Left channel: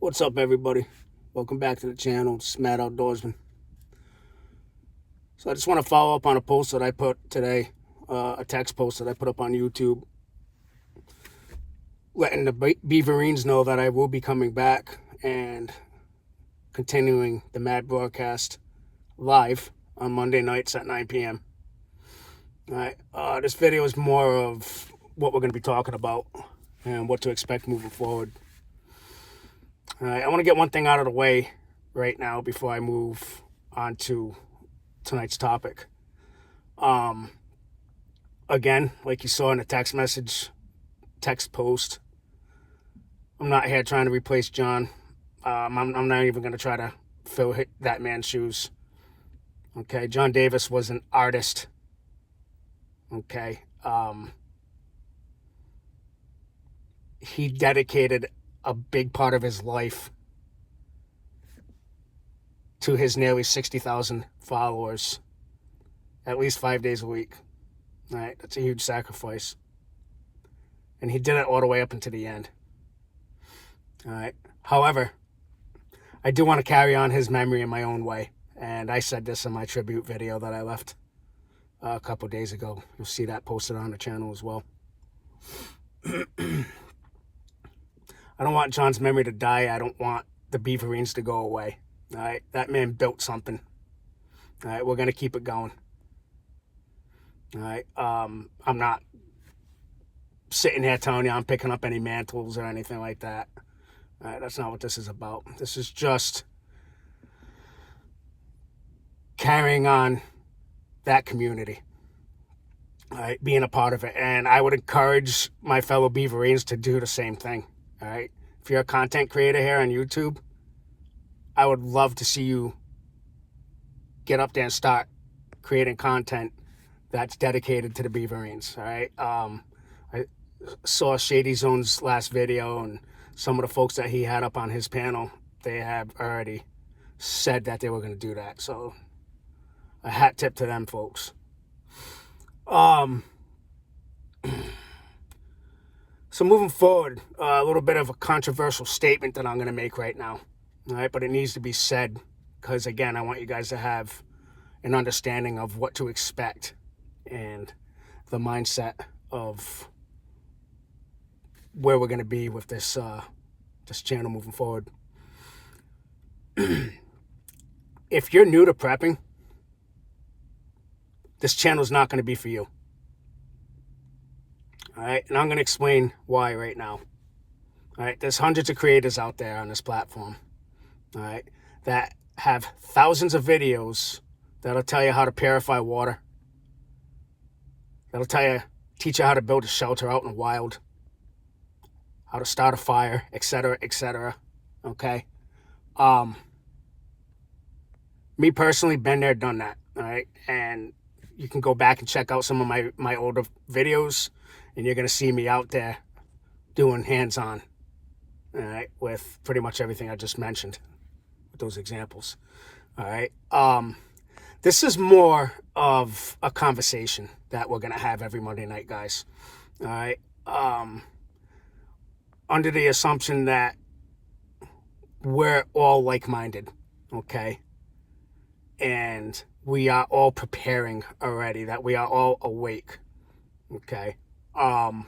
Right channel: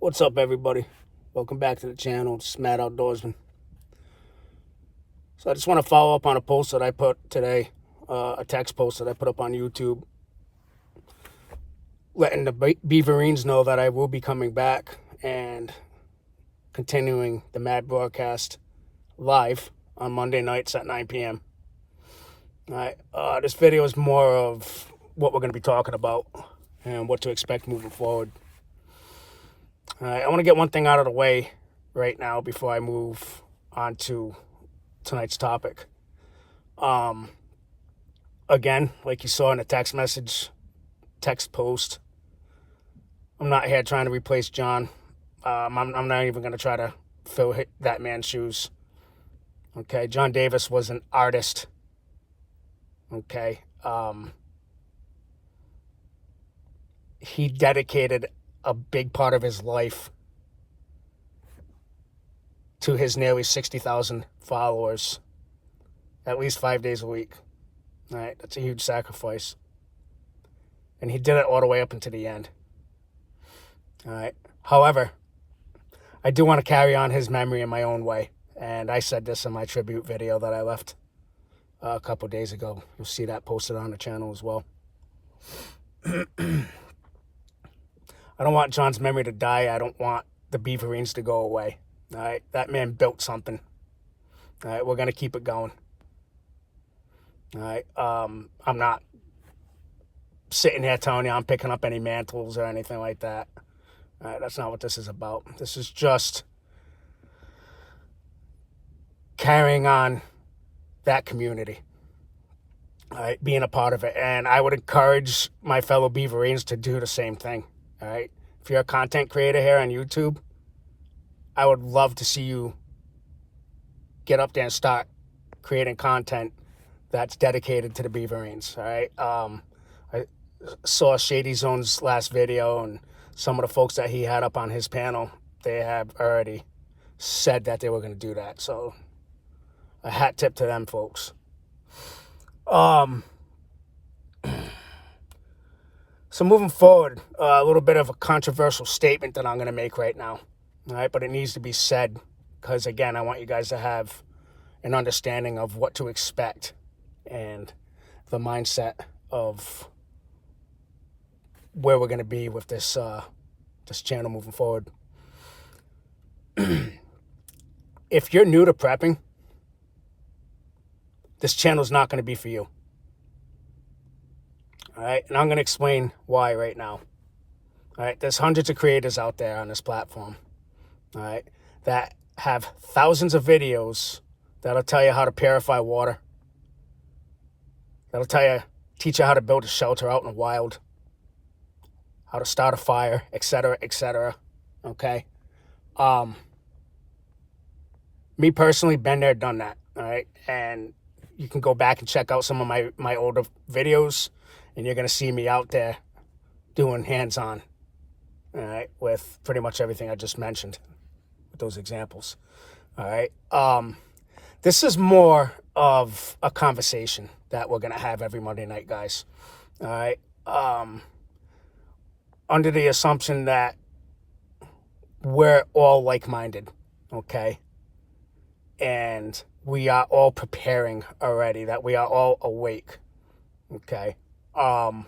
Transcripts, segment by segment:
What's up, everybody? Welcome back to the channel. It's Mad Outdoorsman. So I just want to follow up on a post that I put today, a text post that I put up on YouTube, letting the Beaverines know that I will be coming back and continuing the Mad broadcast live on Monday nights at 9 p.m. All right. This video is more of what we're going to be talking about and what to expect moving forward. All right. I want to get one thing out of the way right now before I move on to tonight's topic. Again, like you saw in the text post, I'm not here trying to replace John. I'm not even going to try to fill that man's shoes. Okay, John Davis was an artist. Okay, he dedicated a big part of his life to his nearly 60,000 followers, at least 5 days a week. All right, that's a huge sacrifice. And he did it all the way up into the end. All right. However, I do want to carry on his memory in my own way. And I said this in my tribute video that I left a couple days ago. You'll see that posted on the channel as well. I don't want John's memory to die. I don't want the Beaverines to go away. All right. That man built something. All right. We're going to keep it going. All right. I'm not sitting here telling you I'm picking up any mantles or anything like that. All right, that's not what this is about. This is just carrying on that community, all right, being a part of it. And I would encourage my fellow Beaverines to do the same thing, all right? If you're a content creator here on YouTube, I would love to see you get up there and start creating content that's dedicated to the Beaverines, all right? I saw Shady Zone's last video, and some of the folks that he had up on his panel, they have already said that they were going to do that. So a hat tip to them folks. So moving forward, a little bit of a controversial statement that I'm going to make right now. All right, but it needs to be said because, again, I want you guys to have an understanding of what to expect and the mindset of where we're going to be with this channel moving forward. If you're new to prepping, this channel is not going to be for you. All right, and I'm going to explain why right now. All right, there's hundreds of creators out there on this platform, all right, that have thousands of videos that'll tell you how to purify water, that'll teach you how to build a shelter out in the wild, how to start a fire, etc., etc. Okay. Me personally, been there, done that. All right. And you can go back and check out some of my older videos, and you're going to see me out there doing hands-on, all right, with pretty much everything I just mentioned with those examples. All right. This is more of a conversation that we're going to have every Monday night, guys. All right. Under the assumption that we're all like-minded, okay? And we are all preparing already, that we are all awake, okay? I'm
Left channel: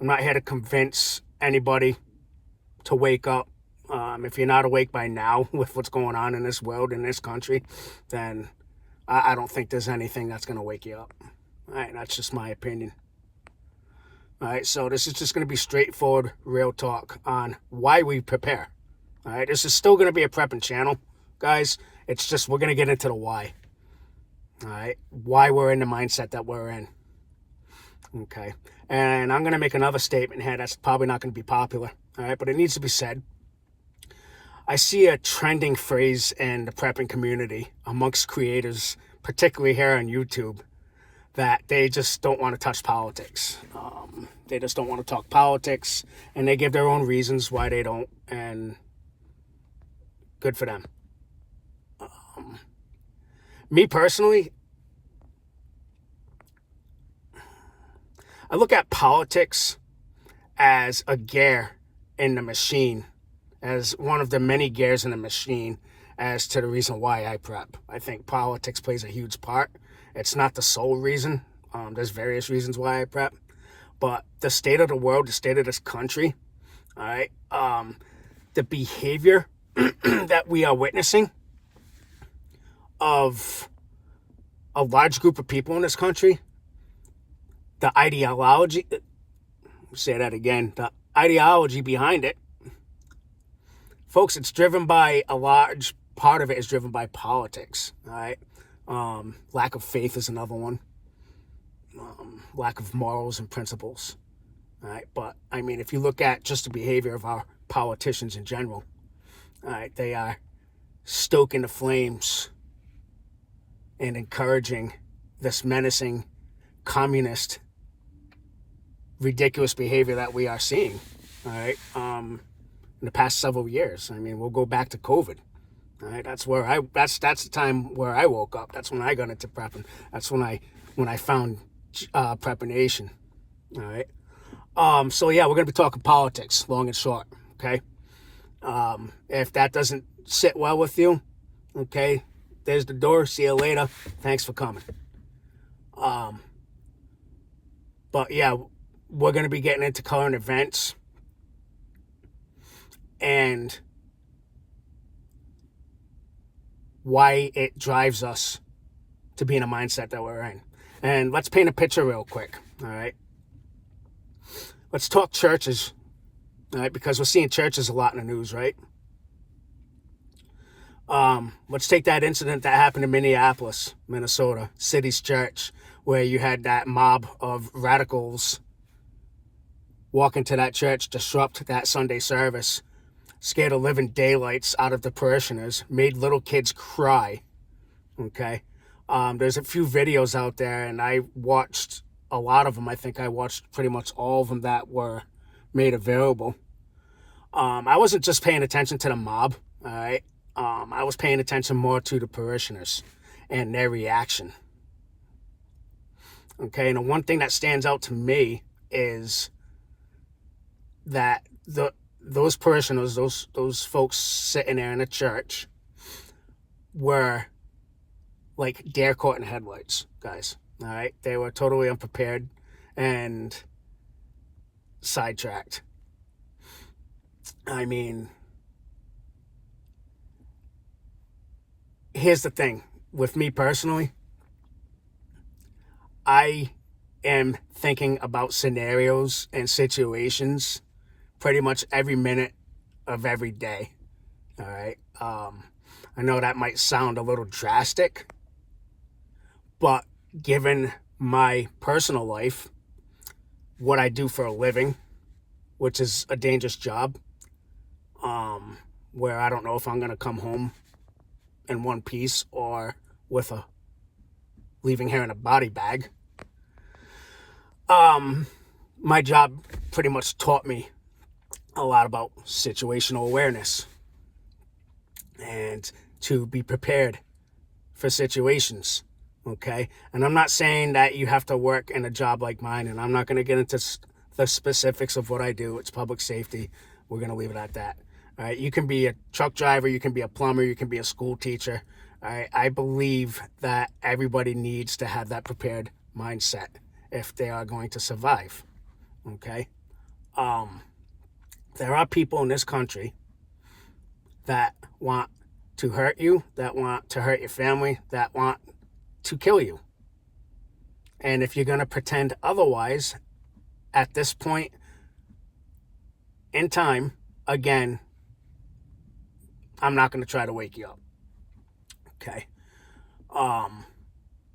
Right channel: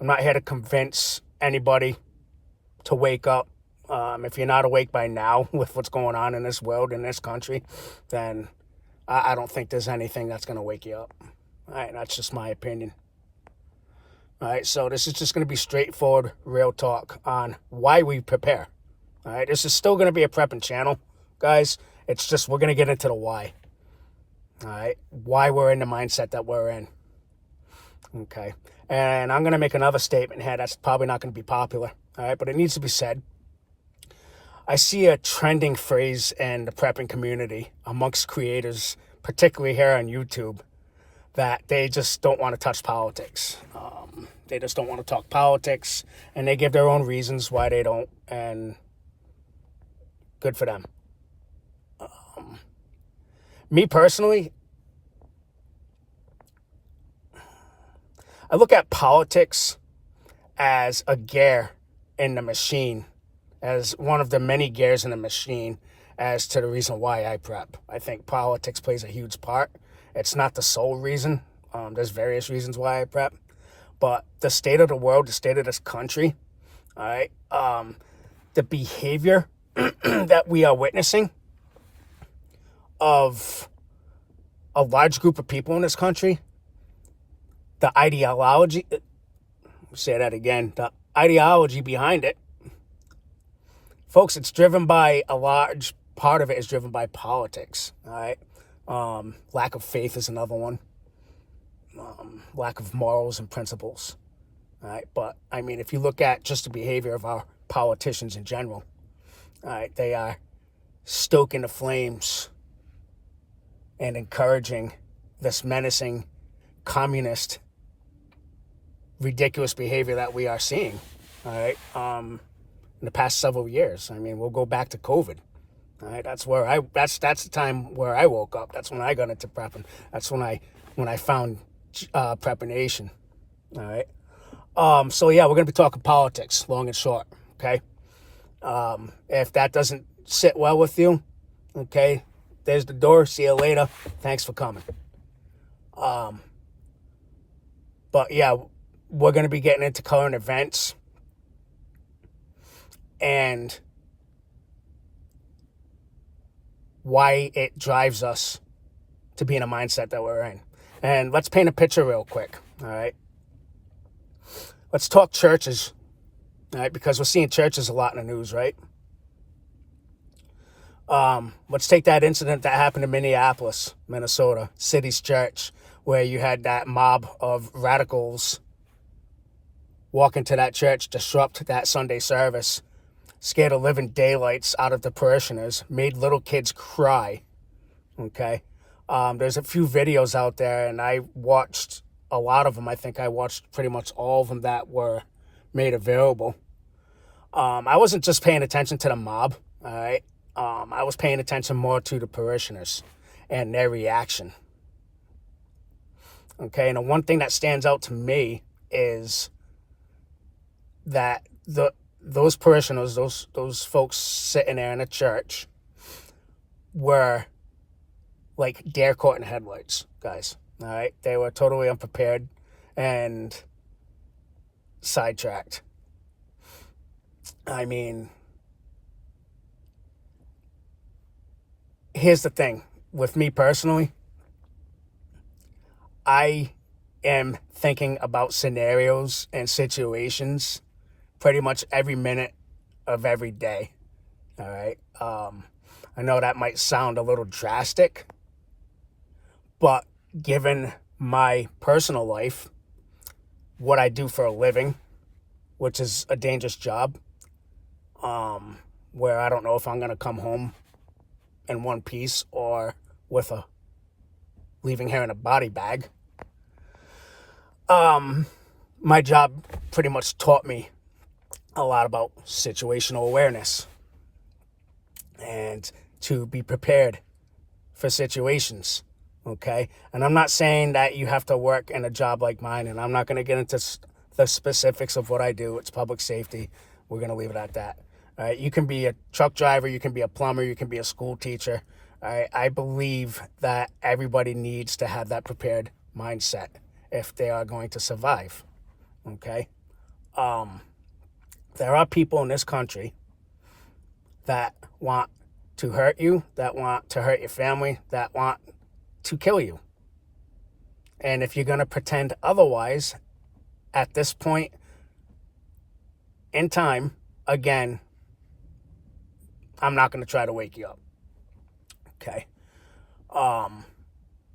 not here to convince anybody to wake up. If you're not awake by now with what's going on in this world, in this country, then I don't think there's anything that's going to wake you up. All right, that's just my opinion. All right, so this is just going to be straightforward, real talk on why we prepare. All right, this is still going to be a prepping channel, guys. It's just we're going to get into the why. All right, why we're in the mindset that we're in. Okay, and I'm going to make another statement here that's probably not going to be popular. All right, but it needs to be said. I see a trending phrase in the prepping community amongst creators, particularly here on YouTube, that they just don't want to touch politics. They just don't want to talk politics, and they give their own reasons why they don't, and good for them. Me personally, I look at politics as a gear in the machine as one of the many gears in the machine as to the reason why I prep. I think politics plays a huge part. It's not the sole reason. There's various reasons why I prep. But the state of the world, the state of this country, all right, the behavior that we are witnessing of a large group of people in this country, the ideology, say that again, the ideology behind it, folks, it's driven by, a large part of it is driven by politics, all right? Lack of faith is another one. Lack of morals and principles, all right? But, I mean, if you look at just the behavior of our politicians in general, all right, they are stoking the flames and encouraging this menacing, communist, ridiculous behavior that we are seeing, all right, in the past several years. I mean, we'll go back to COVID, all right? That's the time where I woke up. That's when I got into prepping. That's when I found Prepper Nation, all right? So, yeah, we're going to be talking politics, long and short, okay? If that doesn't sit well with you, okay, there's the door. See you later. Thanks for coming. But, yeah, we're going to be getting into current events and why it drives us to be in a mindset that we're in. And let's paint a picture real quick, all right? Let's talk churches, all right, because we're seeing churches a lot in the news, right? Let's take that incident that happened in Minneapolis, Minnesota, City's Church, where you had that mob of radicals walk into that church, disrupt that Sunday service, scare the living daylights out of the parishioners, made little kids cry, okay? There's a few videos out there, and I watched a lot of them. I think I watched pretty much all of them that were made available. I wasn't just paying attention to the mob, all right? I was paying attention more to the parishioners and their reaction. Okay, and the one thing that stands out to me is that those parishioners, those folks sitting there in a church, were like deer caught in headlights, guys. All right, they were totally unprepared and sidetracked. I mean, here's the thing. With me personally, I am thinking about scenarios and situations pretty much every minute of every day, all right? I know that might sound a little drastic, but given my personal life, what I do for a living, which is a dangerous job, where I don't know if I'm going to come home in one piece or with leaving here in a body bag. My job pretty much taught me a lot about situational awareness and to be prepared for situations, okay? And I'm not saying that you have to work in a job like mine, and I'm not going to get into the specifics of what I do. It's public safety. We're going to leave it at that. All right? You can be a truck driver, you can be a plumber, you can be a school teacher. All right? I believe that everybody needs to have that prepared mindset if they are going to survive, okay? There are people in this country that want to hurt you, that want to hurt your family, that want to kill you. And if you're going to pretend otherwise, at this point in time, again, I'm not going to try to wake you up, okay?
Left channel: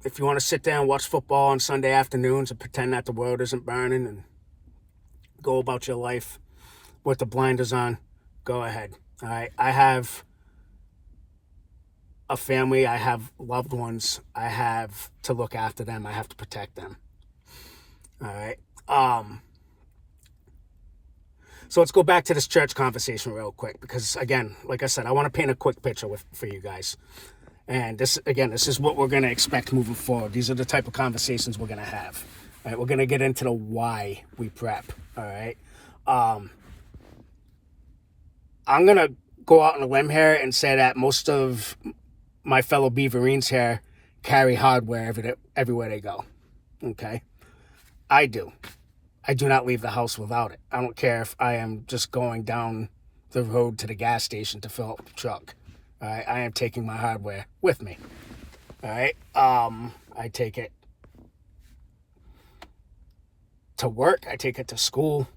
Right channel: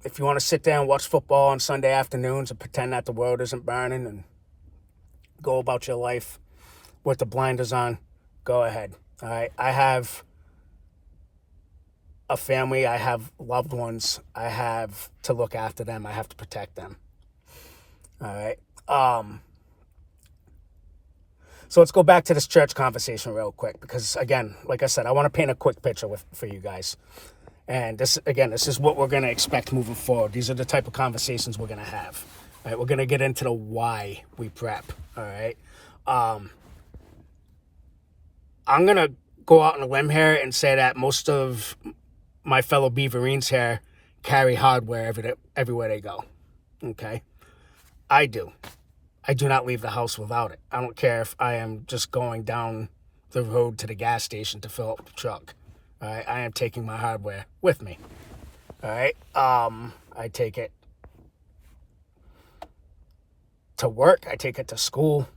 If you want to sit there and watch football on Sunday afternoons and pretend that the world isn't burning and go about your life with the blinders on, go ahead. All right. I have a family. I have loved ones. I have to look after them. I have to protect them. All right. So let's go back to this church conversation real quick because, again, like I said, I want to paint a quick picture for you guys. And this is what we're going to expect moving forward. These are the type of conversations we're going to have. All right, we're going to get into the why we prep. All right. I'm going to go out on a limb here and say that most of my fellow Beaverines here carry hardware everywhere they go. Okay? I do. I do not leave the house without it. I don't care if I am just going down the road to the gas station to fill up the truck. All right? I am taking my hardware with me. All right? I take it to work. I take it to school.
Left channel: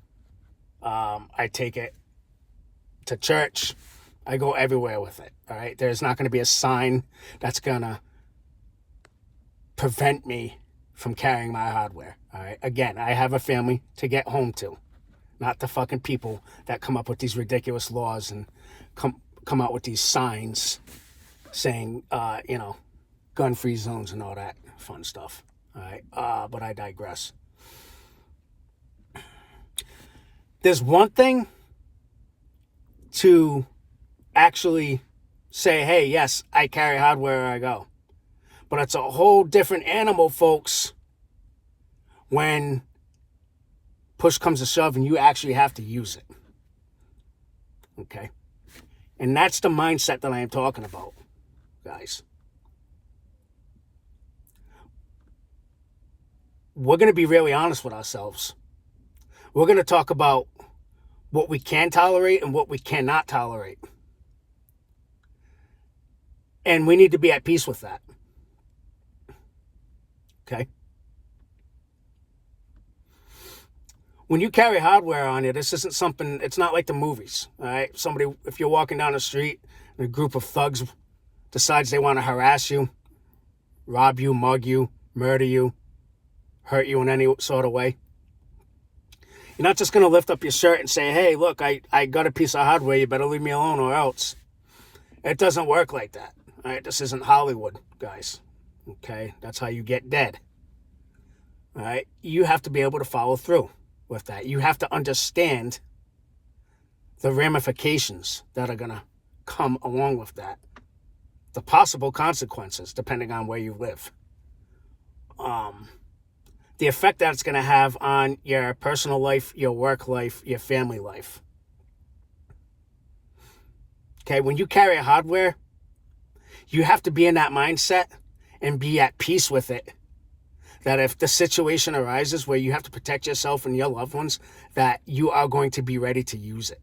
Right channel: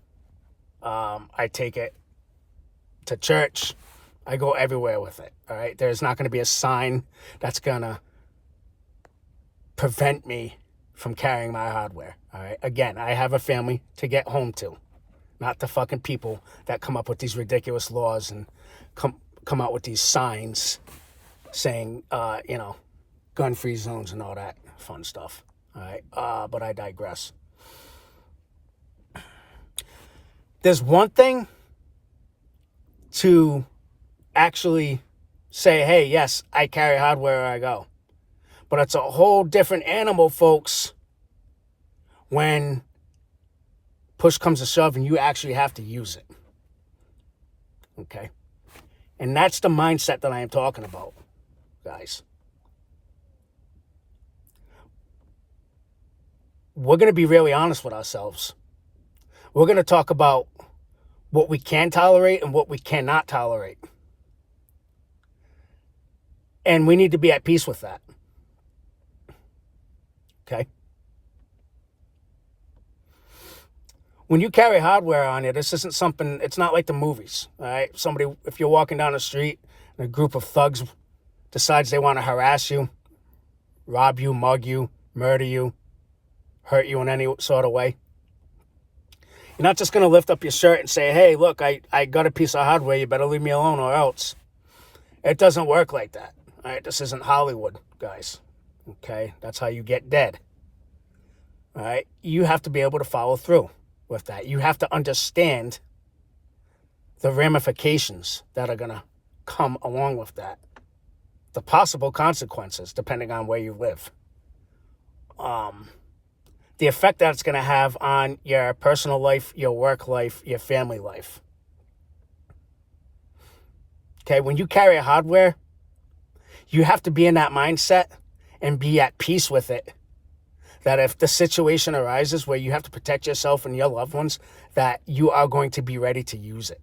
I take it to church. I go everywhere with it. All right? There's not going to be a sign that's going to prevent me from carrying my hardware. All right? Again, I have a family to get home to, not the fucking people that come up with these ridiculous laws and come out with these signs saying, gun-free zones and all that fun stuff. All right? But I digress. There's one thing to actually say, hey, yes, I carry hardware where I go. But it's a whole different animal, folks, when push comes to shove and you actually have to use it. Okay? And that's the mindset that I am talking about, guys. We're going to be really honest with ourselves. We're going to talk about what we can tolerate and what we cannot tolerate. And we need to be at peace with that. Okay? When you carry hardware on you, this isn't something, it's not like the movies. All right? If you're walking down the street and a group of thugs decides they want to harass you, rob you, mug you, murder you, hurt you in any sort of way, you're not just going to lift up your shirt and say, hey, look, I got a piece of hardware, you better leave me alone or else. It doesn't work like that. All right? This isn't Hollywood, guys. Okay? That's how you get dead. All right? You have to be able to follow through with that. You have to understand the ramifications that are going to come along with that. The possible consequences, depending on where you live. The effect that it's going to have on your personal life, your work life, your family life. Okay, when you carry hardware, you have to be in that mindset and be at peace with it. That if the situation arises where you have to protect yourself and your loved ones, that you are going to be ready to use it.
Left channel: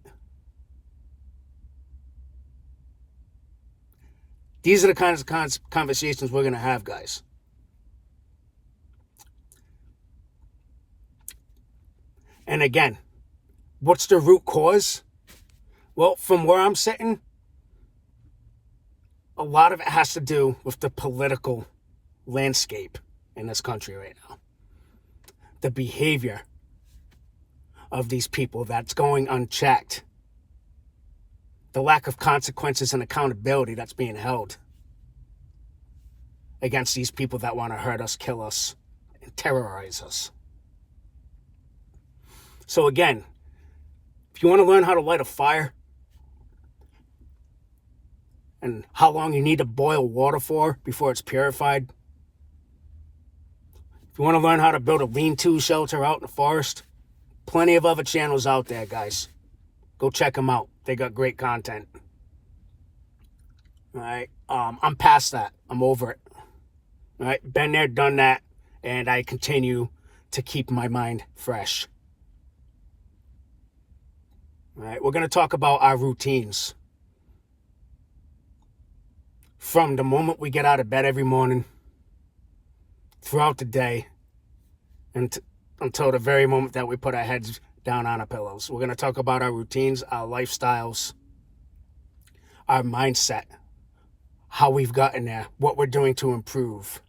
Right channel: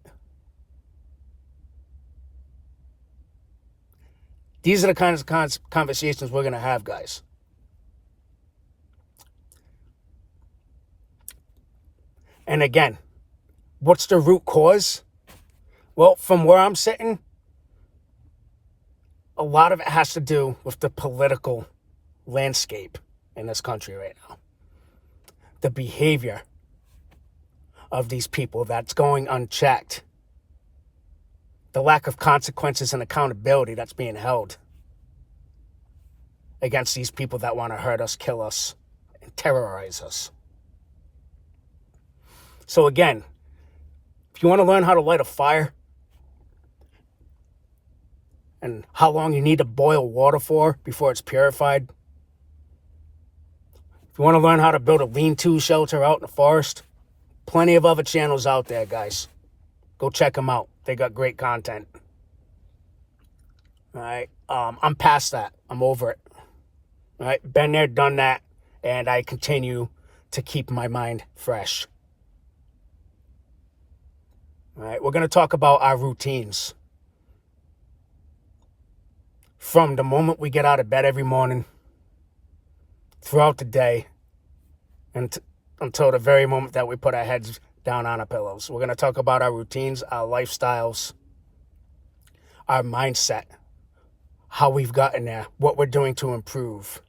These are the kinds of conversations we're going to have, guys. And again, what's the root cause? Well, from where I'm sitting, a lot of it has to do with the political landscape in this country right now. The behavior of these people that's going unchecked. The lack of consequences and accountability that's being held against these people that want to hurt us, kill us, and terrorize us. So again, if you want to learn how to light a fire and how long you need to boil water for before it's purified, if you want to learn how to build a lean-to shelter out in the forest, plenty of other channels out there, guys. Go check them out. They got great content. All right? I'm past that. I'm over it. All right? Been there, done that, and I continue to keep my mind fresh. All right, we're going to talk about our routines. From the moment we get out of bed every morning, throughout the day, and until the very moment that we put our heads down on our pillows. We're going to talk about our routines, our lifestyles, our mindset, how we've gotten there, what we're doing to improve.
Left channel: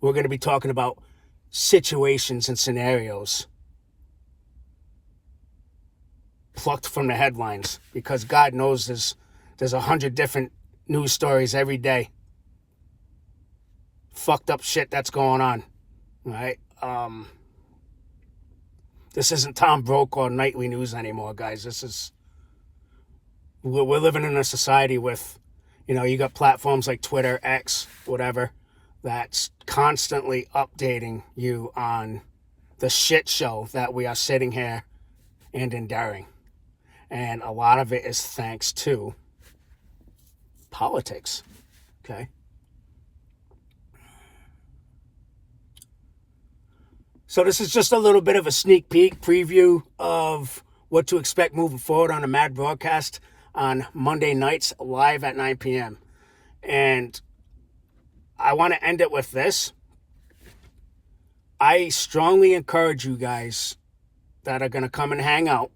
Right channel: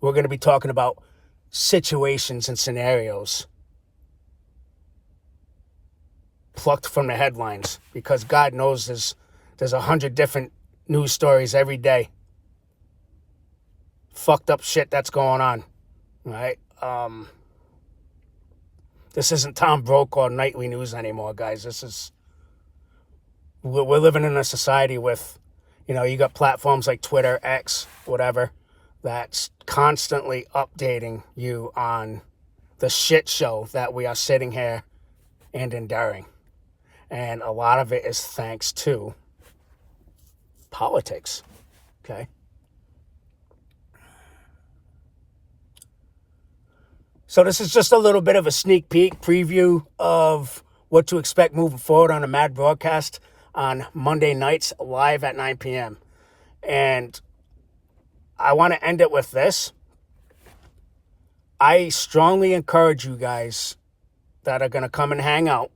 We're going to be talking about situations and scenarios plucked from the headlines, because God knows there's 100 different news stories every day. Fucked up shit that's going on, right? This isn't Tom Brokaw nightly news anymore, guys. We're living in a society with, you got platforms like Twitter, X, whatever, that's constantly updating you on the shit show that we are sitting here and enduring. And a lot of it is thanks to politics, okay? So this is just a little bit of a sneak peek preview of what to expect moving forward on the Mad Broadcast on Monday nights live at 9 p.m. And I want to end it with this. I strongly encourage you guys that are going to come and hang out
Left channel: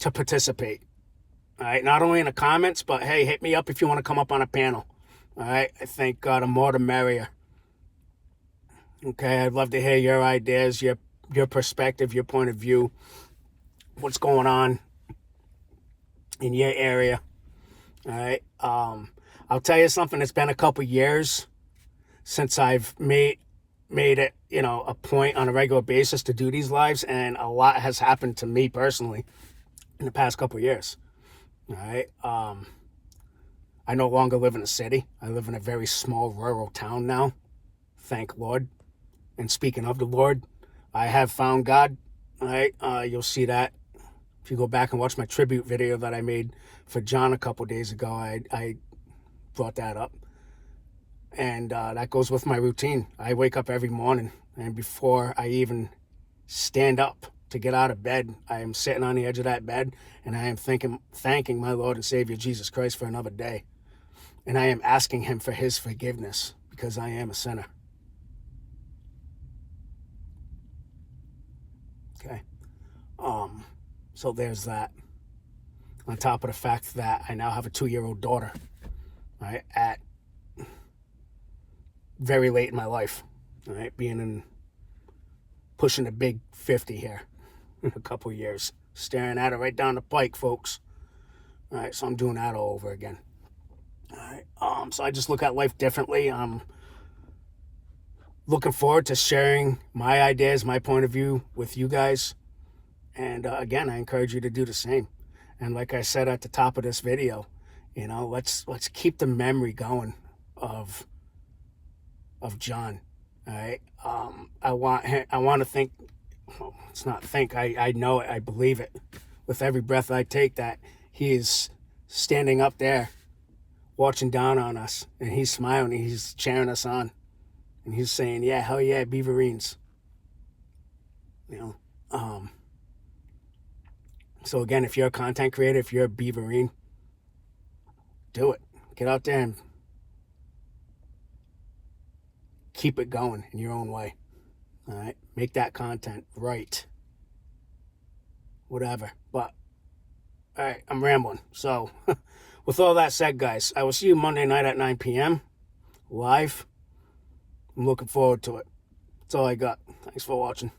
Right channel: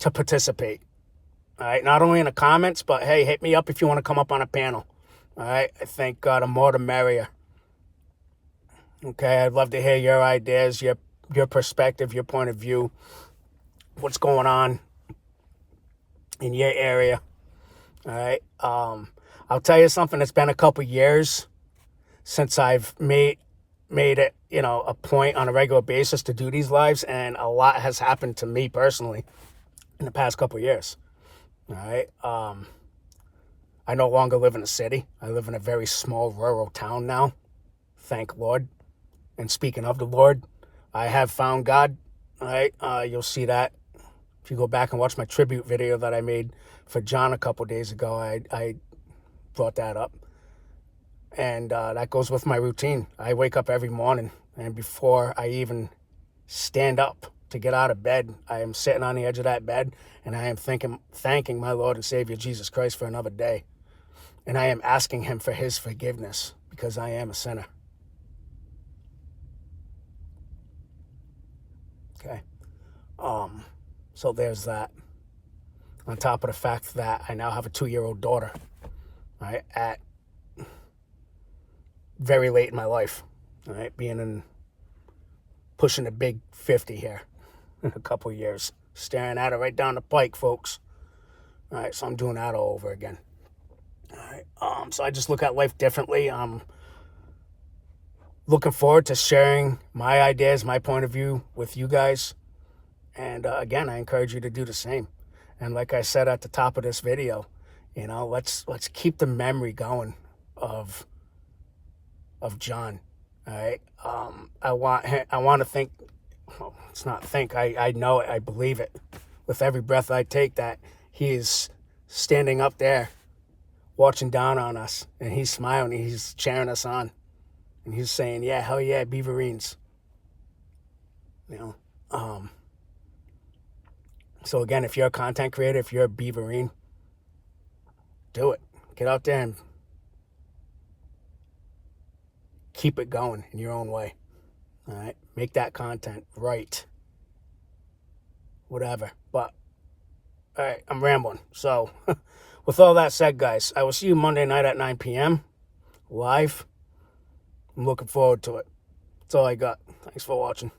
to participate. All right, not only in the comments, but hey, hit me up if you want to come up on a panel. All right, I think the more the merrier. Okay, I'd love to hear your ideas, your perspective, your point of view, what's going on in your area. All right, I'll tell you something. It's been a couple years since I've made it, a point on a regular basis to do these lives, and a lot has happened to me personally in the past couple years. All right, I no longer live in a city. I live in a very small rural town now. Thank Lord. And speaking of the Lord, I have found God. All right, you'll see that if you go back and watch my tribute video that I made for John a couple days ago. I brought that up. And that goes with my routine. I wake up every morning, and before I even stand up to get out of bed, I am sitting on the edge of that bed, and I am thanking my Lord and Savior Jesus Christ for another day. And I am asking him for his forgiveness because I am a sinner. Okay. So there's that. On top of the fact that I now have a 2-year-old daughter, right, at very late in my life, all right, pushing the big 50 here in a couple years, staring at it right down the pike, folks. All right, so I'm doing that all over again. All right, so I just look at life differently. I'm looking forward to sharing my ideas, my point of view with you guys. And again, I encourage you to do the same. And like I said at the top of this video, let's keep the memory going of John. All right. I want to think. Well, it's not think. I know it. I believe it with every breath I take that he is standing up there, watching down on us, and he's smiling. And he's cheering us on, and he's saying, "Yeah, hell yeah, Beaverines." So again, if you're a content creator, if you're a Beaverine, do it. Get out there and keep it going in your own way. All right, make that content right. Whatever. But all right, I'm rambling. So, with all that said, guys, I will see you Monday night at 9 p.m. live. I'm looking forward to it. That's all I got. Thanks for watching.